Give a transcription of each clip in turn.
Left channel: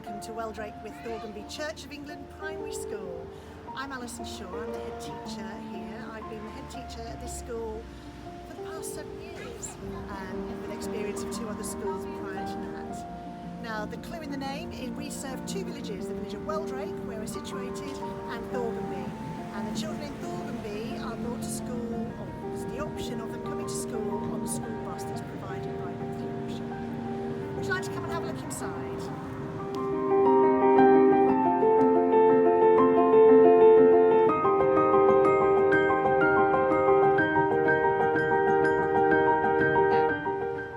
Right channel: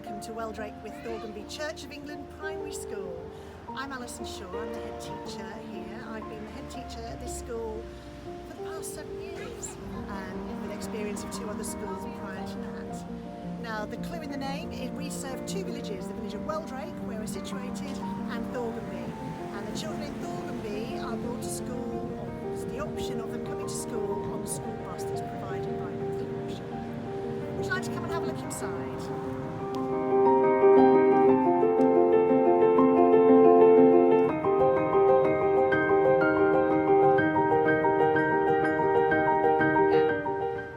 welcome to Wheldrake with Thorganby Church of England Primary School. I'm Alison Shaw, I'm the head teacher here. I've been the head teacher at this school for the past 7 years, with experience of 2 other schools prior to that. Now, the clue in the name is we serve 2 villages, the village of Wheldrake, where we're situated, and Thorganby. And the children in Thorganby are brought to school, or there's the option of them coming to school on the school bus that's provided by Yorkshire. Would you like to come and have a look inside?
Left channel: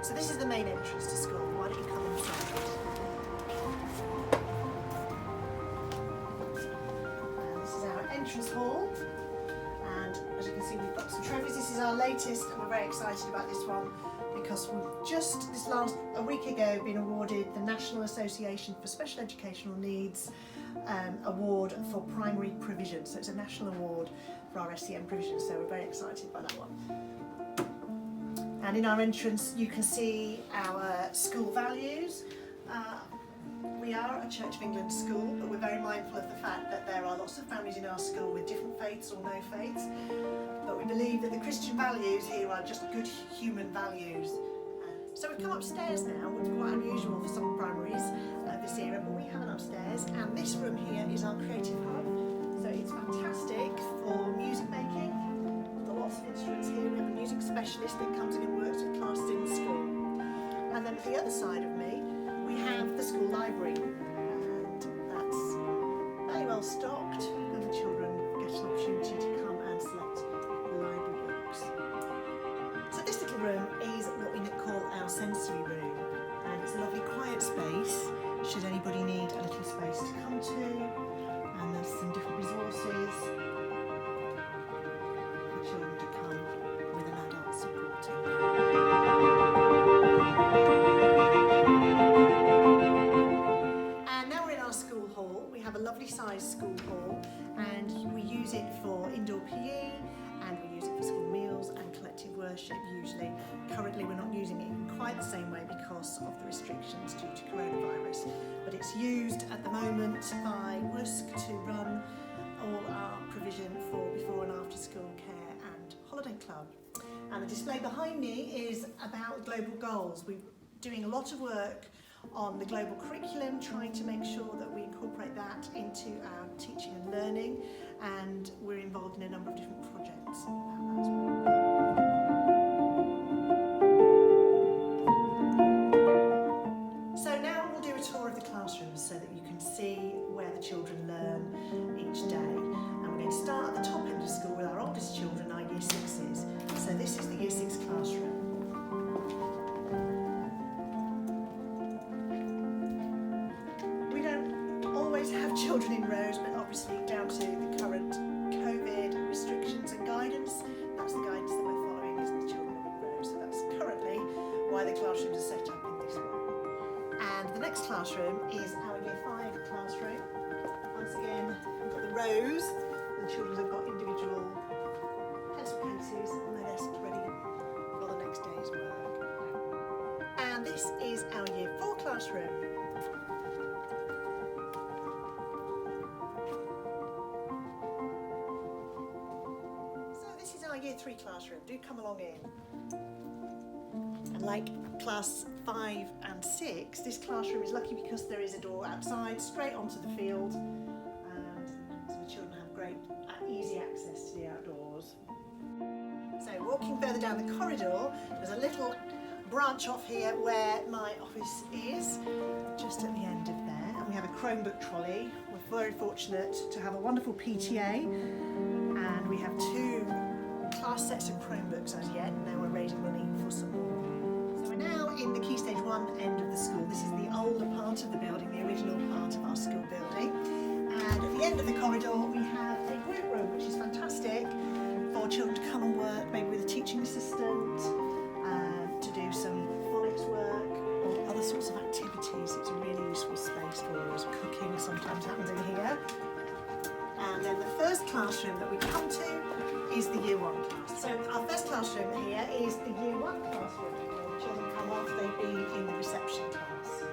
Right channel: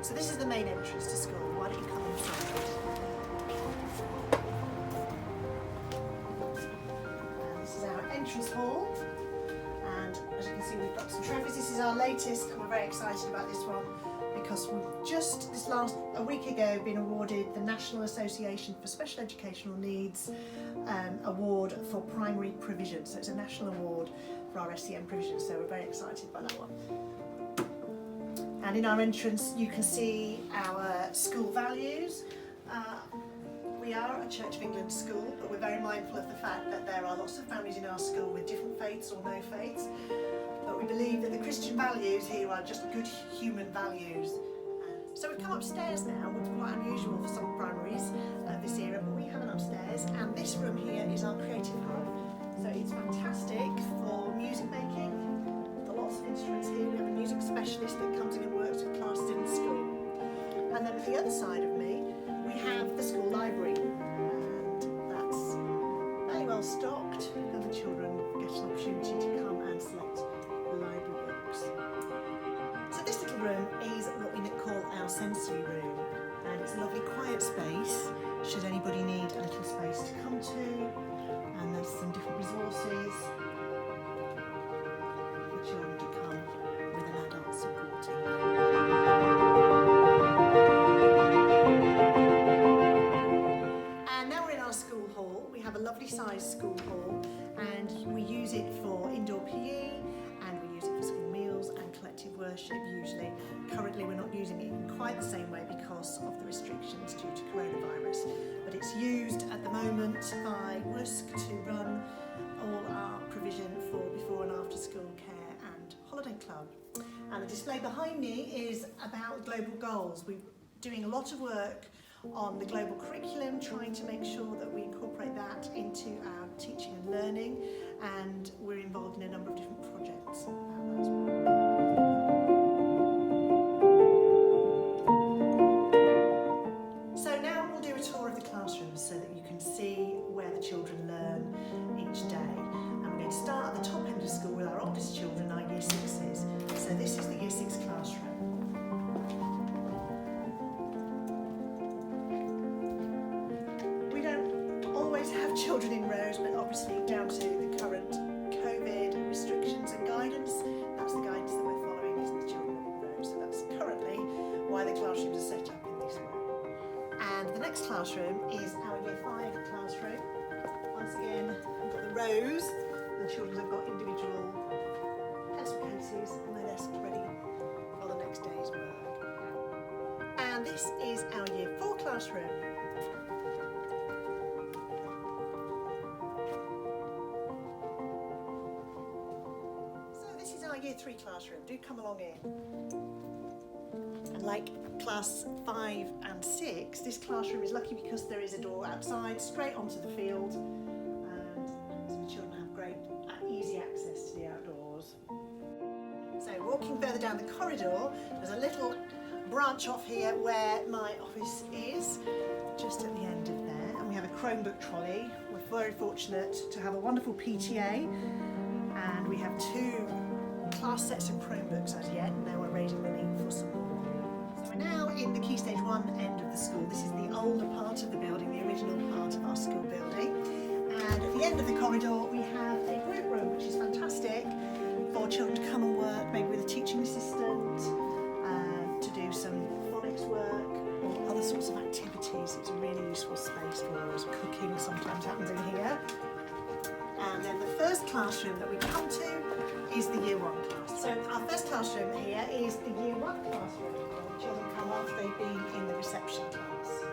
So this is the main entrance to school. Why don't you come inside? And this is our entrance hall. And as you can see, we've got some trophies. This is our latest, and we're very excited about this one because we've just a week ago been awarded the National Association for Special Educational Needs award for primary provision. So it's a national award for our SEN provision. So we're very excited by that one. And in our entrance, you can see our school values. We are a Church of England school, but we're very mindful of the fact that there are lots of families in our school with different faiths or no faiths. But we believe that the Christian values here are just good human values. So we've come upstairs now, which is quite unusual for some primaries of this era, but we have an upstairs, and this room here is our creative hub. So it's fantastic for music making. We've got lots of instruments here. We have a music specialist that comes in and works with classes in the school. And then at the other side of me, we have the school library, and that's very well stocked, and the children get an opportunity to come and select library books. So this little room is what we call our sensory room, and it's a lovely quiet space should anybody need a little space to come to, and there's some different resources for children to come with an adult supporting. And now we're in our school hall. We have a lovely sized school hall, and we use it for indoor PE, and we use it for school meals and collective worship usually. Currently we're not using it in quite the same way because of the restrictions due to coronavirus, but it's used at the moment by WUSC to run all our provision for before and after school care and holiday club. And the display behind me is about global goals. We're doing a lot of work on the global curriculum, trying to make sure that we incorporate that into our teaching and learning, and we're involved in a number of different projects about that as well. So now we'll do a tour of the classrooms so that you can see where the children learn each day. And we're going to start at the top end of school with our oldest children, our Year 6s. So this is the Year 6 classroom. We don't always have children in rows, but obviously down to the current COVID restrictions and guidance, that's the guidance that we're following, is the children are in rows. So that's currently why the classrooms are set up in this way. And the next classroom is our Year 5 classroom. Once again, we've got the rows. The children have got individual pencil cases on their desk ready for the next day's work. And this is our Year 4 classroom. This is our Year 3 classroom. Do come along in. And like class 5 and 6, this classroom is lucky because there is a door outside straight onto the field, and so the children have great easy access to the outdoors. So walking further down the corridor, there's a little branch off here where my office is, just at the end of there, and we have a Chromebook trolley. We're very fortunate to have a wonderful PTA, and we have 2 class sets of Chromebooks as yet, and now we're raising money for some more. So we're now in the Key Stage 1 end of the school. This is the older part of the building, the original part of our school building. And at the end of the corridor we have a group room, which is fantastic for children to come and work, maybe with a teaching assistant, to do some phonics work or other sorts of activities. It's a really useful space for us. Cooking sometimes happens in here. And then the first classroom that we come to is the Year 1 class. So our first classroom here is the Year 1 classroom, where the children come after they've been in the reception class.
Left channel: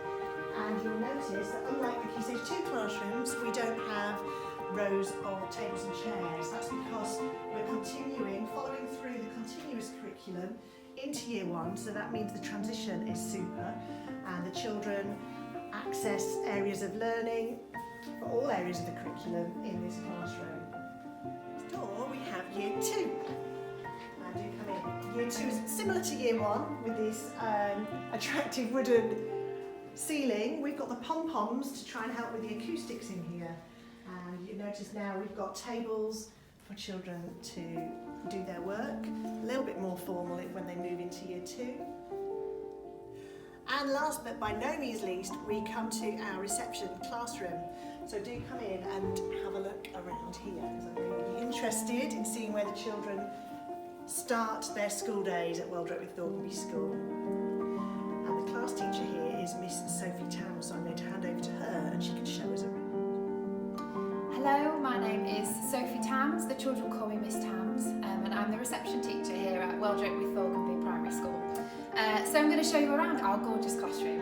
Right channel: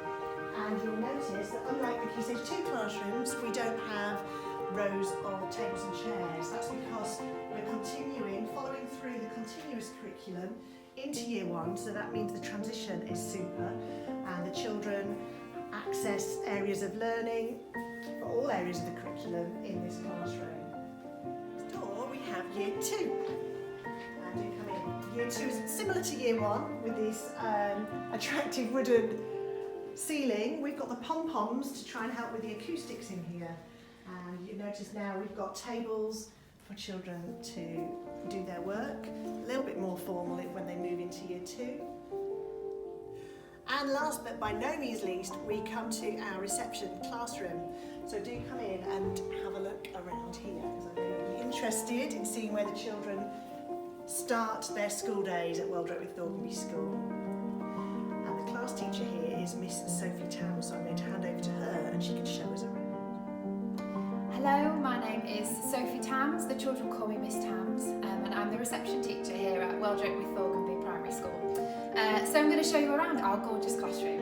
And you'll notice that unlike the Key Stage 2 classrooms, we don't have rows of tables and chairs. That's because we're following through the continuous curriculum into Year 1, so that means the transition is super and the children access areas of learning for all areas of the curriculum in this classroom. Next door we have Year 2. And do come in. Year 2 is similar to Year 1 with this attractive wooden ceiling. We've got the pom-poms to try and help with the acoustics in here. And you notice now we've got tables for children to do their work, a little bit more formal when they move into Year 2. And last but by no means least, we come to our reception classroom. So do come in and have a look around here, because I know you'll be interested in seeing where the children start their school days at Wheldrake with Thorganby School. And the class teacher here is Miss Sophie Tams, so I'm going to hand over to her and she can show us around. Hello, my name is Sophie Tams, the children call me Miss Tams, and I'm the reception teacher here at Wheldrake with Thorganby Primary School. So I'm going to show you around our gorgeous classroom.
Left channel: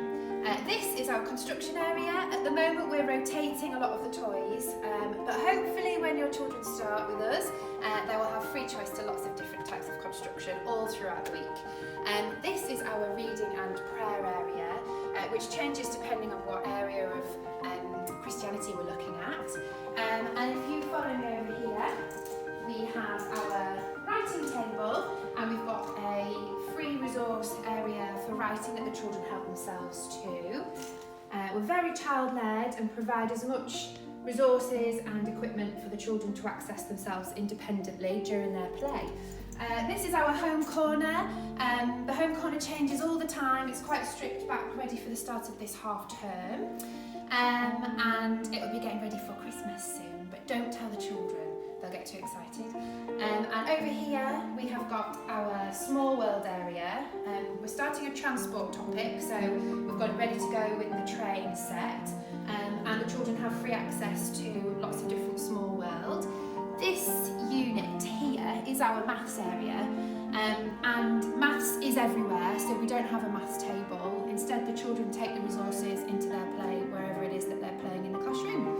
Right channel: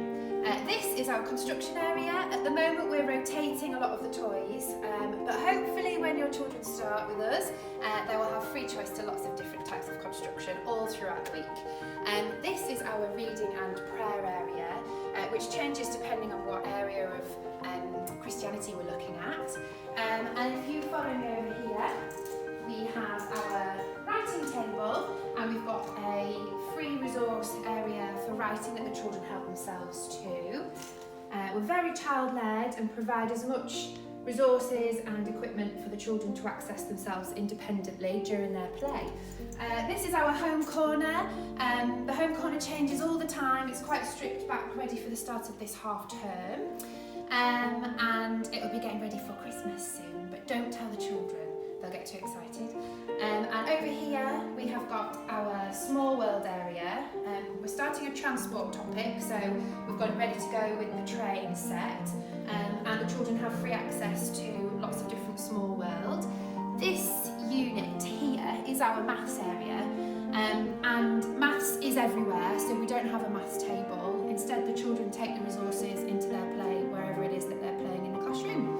This is our construction area. At the moment we're rotating a lot of the toys, but hopefully when your children start with us, they will have free choice to lots of different types of construction all throughout the week. This is our reading and prayer area, which changes depending on what area of Christianity we're looking at. And if you follow me over here, we have our writing table, and we've got a free resource area for writing that the children help themselves to. We're very child-led and provide as much resources and equipment for the children to access themselves independently during their play. This is our home corner. The home corner changes all the time. It's quite stripped back, ready for the start of this half term. And it will be getting ready for Christmas soon, but don't tell the children, they'll get too excited. And over here we have got our small world area. We're starting a transport topic, so we've got it ready to go with the train set, and the children have free access to lots of different small world. This unit here is our maths area. And maths is everywhere, so we don't have a maths table. Instead, the children take the resources into their play wherever it is that they're playing in the classroom.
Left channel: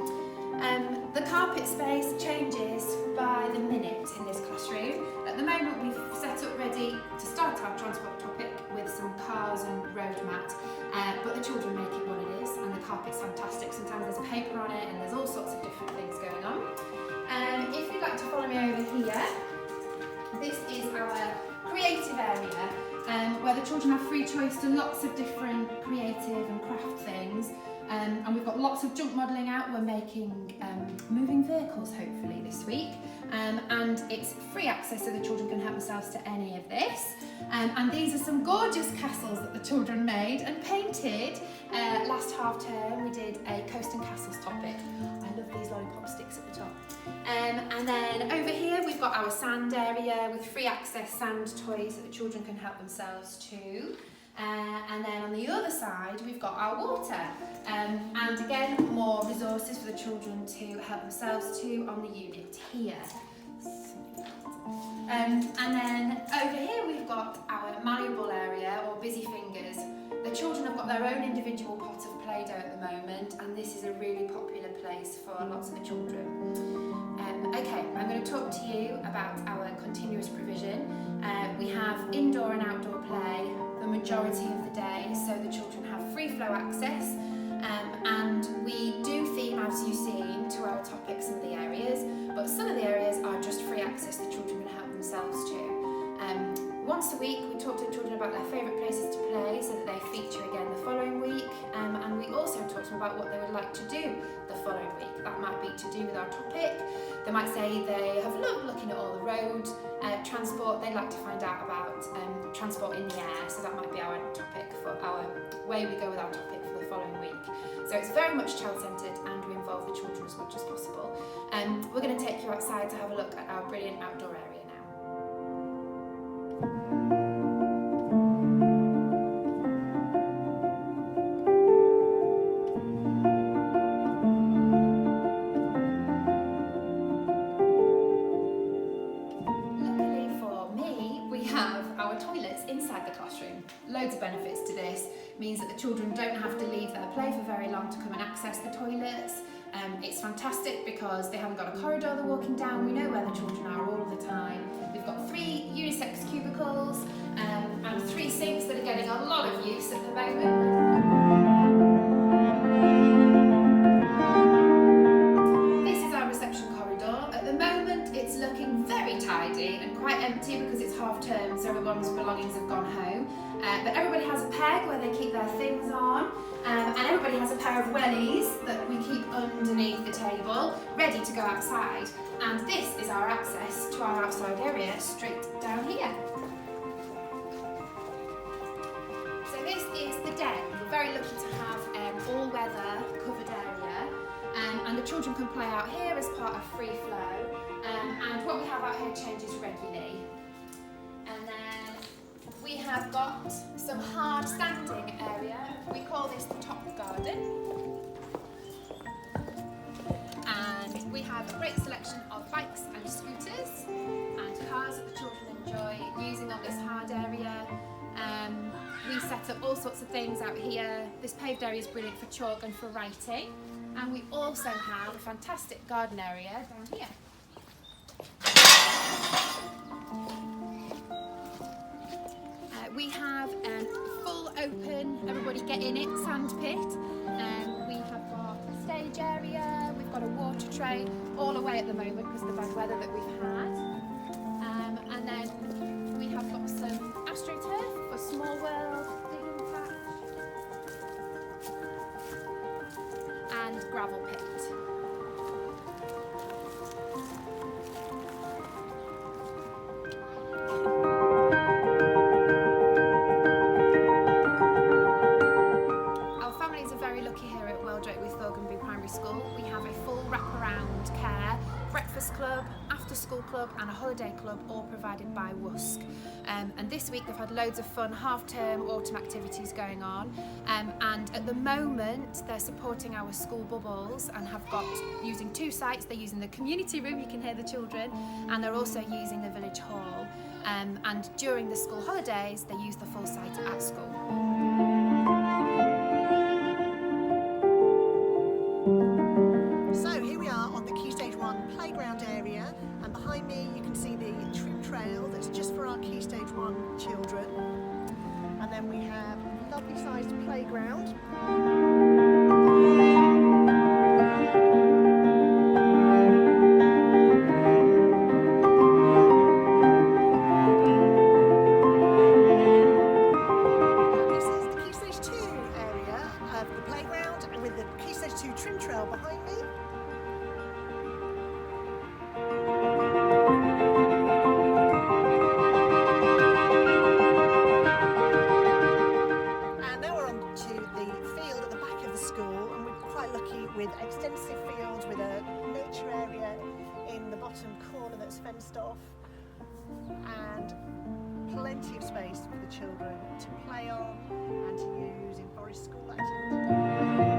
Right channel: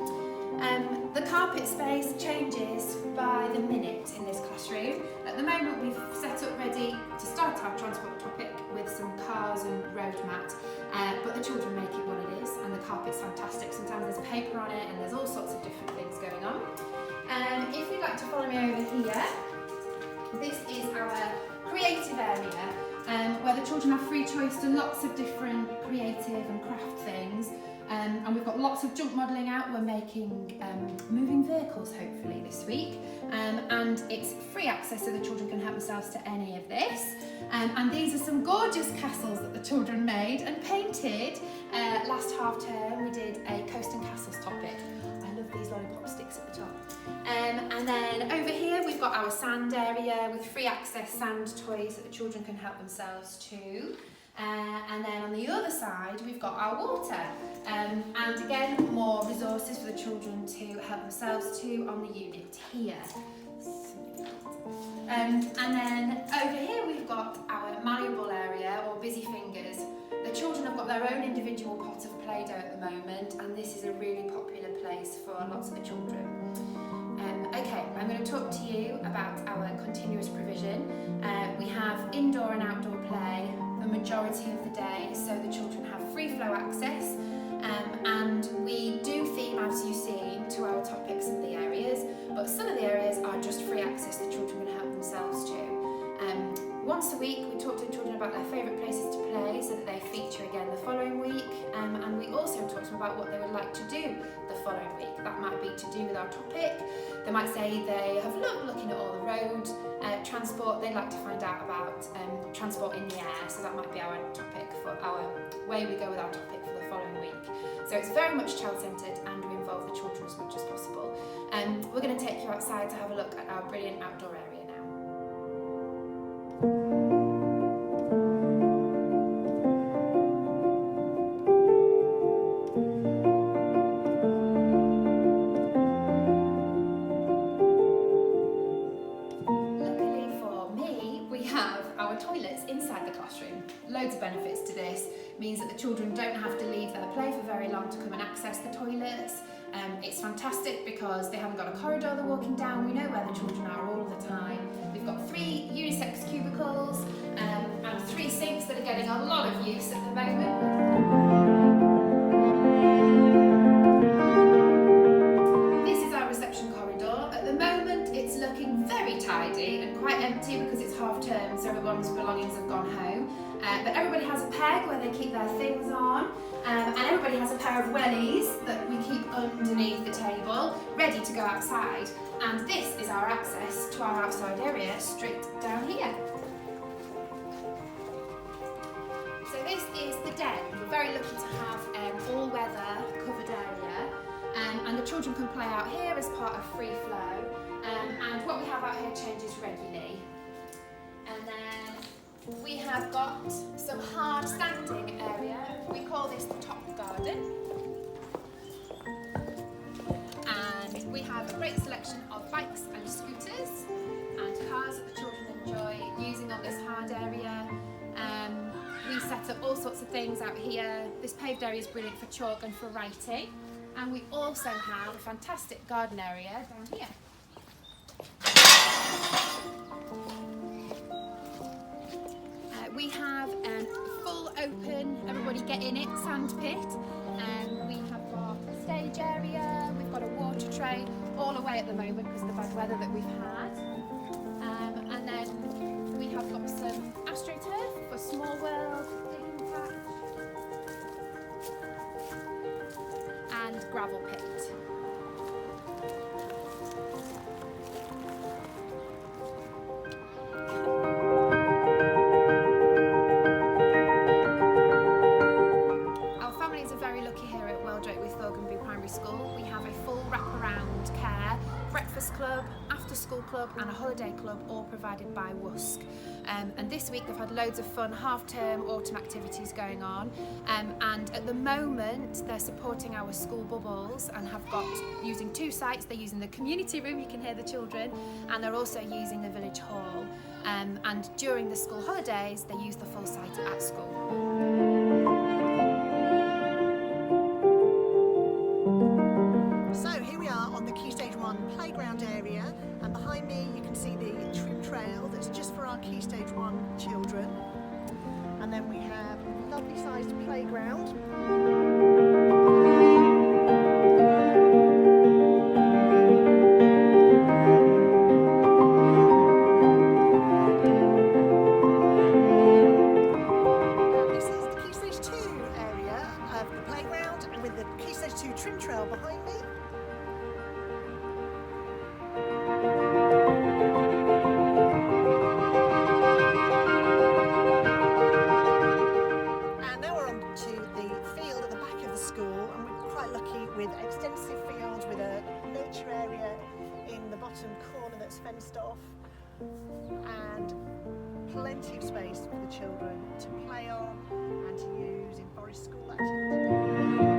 The carpet space changes by the minute in this classroom. At the moment, we've set up ready to start our transport topic with some cars and road mat, but the children make it what it is, and the carpet's fantastic. Sometimes there's paper on it, and there's all sorts of different things going on. If you'd like to follow me over here, this is our creative area, where the children have free choice to lots of different creative and craft things. And we've got lots of junk modelling out. We're making moving vehicles hopefully this week, and it's free access so the children can help themselves to any of this. And these are some gorgeous castles that the children made and painted. Last half term we did a coast and castles topic. I love these lollipop sticks at the top. And then over here we've got our sand area with free access sand toys that the children can help themselves to. And then on the other side we've got our water, and again more resources for the children to help themselves to on the unit here. And then over here we've got our malleable area, or busy fingers. The children have got their own individual pot of Play-Doh at the moment, and this is a really popular place for lots of the children. Okay, I'm going to talk to you about our continuous provision. We have indoor and outdoor play the majority of the day, so the children have free flow access, and we do theme, as you've seen, to our topics in the areas, but some of the areas are just free access the children can help themselves to. Once a week we talk to the children about their favourite places to play so that they feature again the following week, and we also talk to them about what they would like to do the following week. That might be to do with our topic. They might say they have loved looking at all the road transport. They'd like to find out about transport in the air, so that might be our topic for our way we go with our topic for the following week. So it's very much child-centred, and we involve the children as much as possible. We're going to take you outside to have a look at our brilliant outdoor area now. Luckily for me, we have our toilets inside the classroom. Loads of benefits to this. Means that the children don't have to leave their play for very long to come and access the toilets. It's fantastic because they haven't got a corridor they're walking down. We know where the children are all the time. We've got 3 unisex cubicles and 3 sinks that are getting a lot of use at the moment. Reception corridor. At the moment it's looking very tidy and quite empty because it's half term, so everyone's belongings have gone home. But everybody has a peg where they keep their things on, and everybody has a pair of wellies that we keep underneath the table, ready to go outside. And this is our access to our outside area, straight down here. So this is the den. We're very lucky to have all-weather covered area. And the children can play out here as part of free flow, and what we have out here changes regularly. And then we have got some hard standing area. We call this the top garden. And we have a great selection of bikes and scooters and cars that the children enjoy using on this hard area. We set up all sorts of things out here. This paved area is brilliant for chalk and for writing. And we also have a fantastic garden area down here. We have a full open, everybody get in it, sand pit. We have got a stage area, we've got a water tray, all away at the moment because of the bad weather that we've had. And then we have got some AstroTurf for Small World, digging patch, and gravel pit. Our families are very lucky here at Wheldrake with Thorganby Primary School. We have a full wraparound care, breakfast club, after school club and a holiday club, all provided by WUSC. And this week they've had loads of fun half-term autumn activities going on, and at the moment they're supporting our school bubbles and have got, using 2 sites, they're using the community room, you can hear the children, and they're also using the village hall. And during the school holidays they use the full site at school. So here we are on the Key Stage 1 playground area, and behind me you can see the trim trail that's just for our Key Stage 1 children. And then we have a lovely sized playground. This is the Key Stage 2 area of the playground, and with the Key Stage 2 trim trail behind me. School, and we're quite lucky with extensive fields with a nature area in the bottom corner that's fenced off, and plenty of space for the children to play on and to use in forest school activities.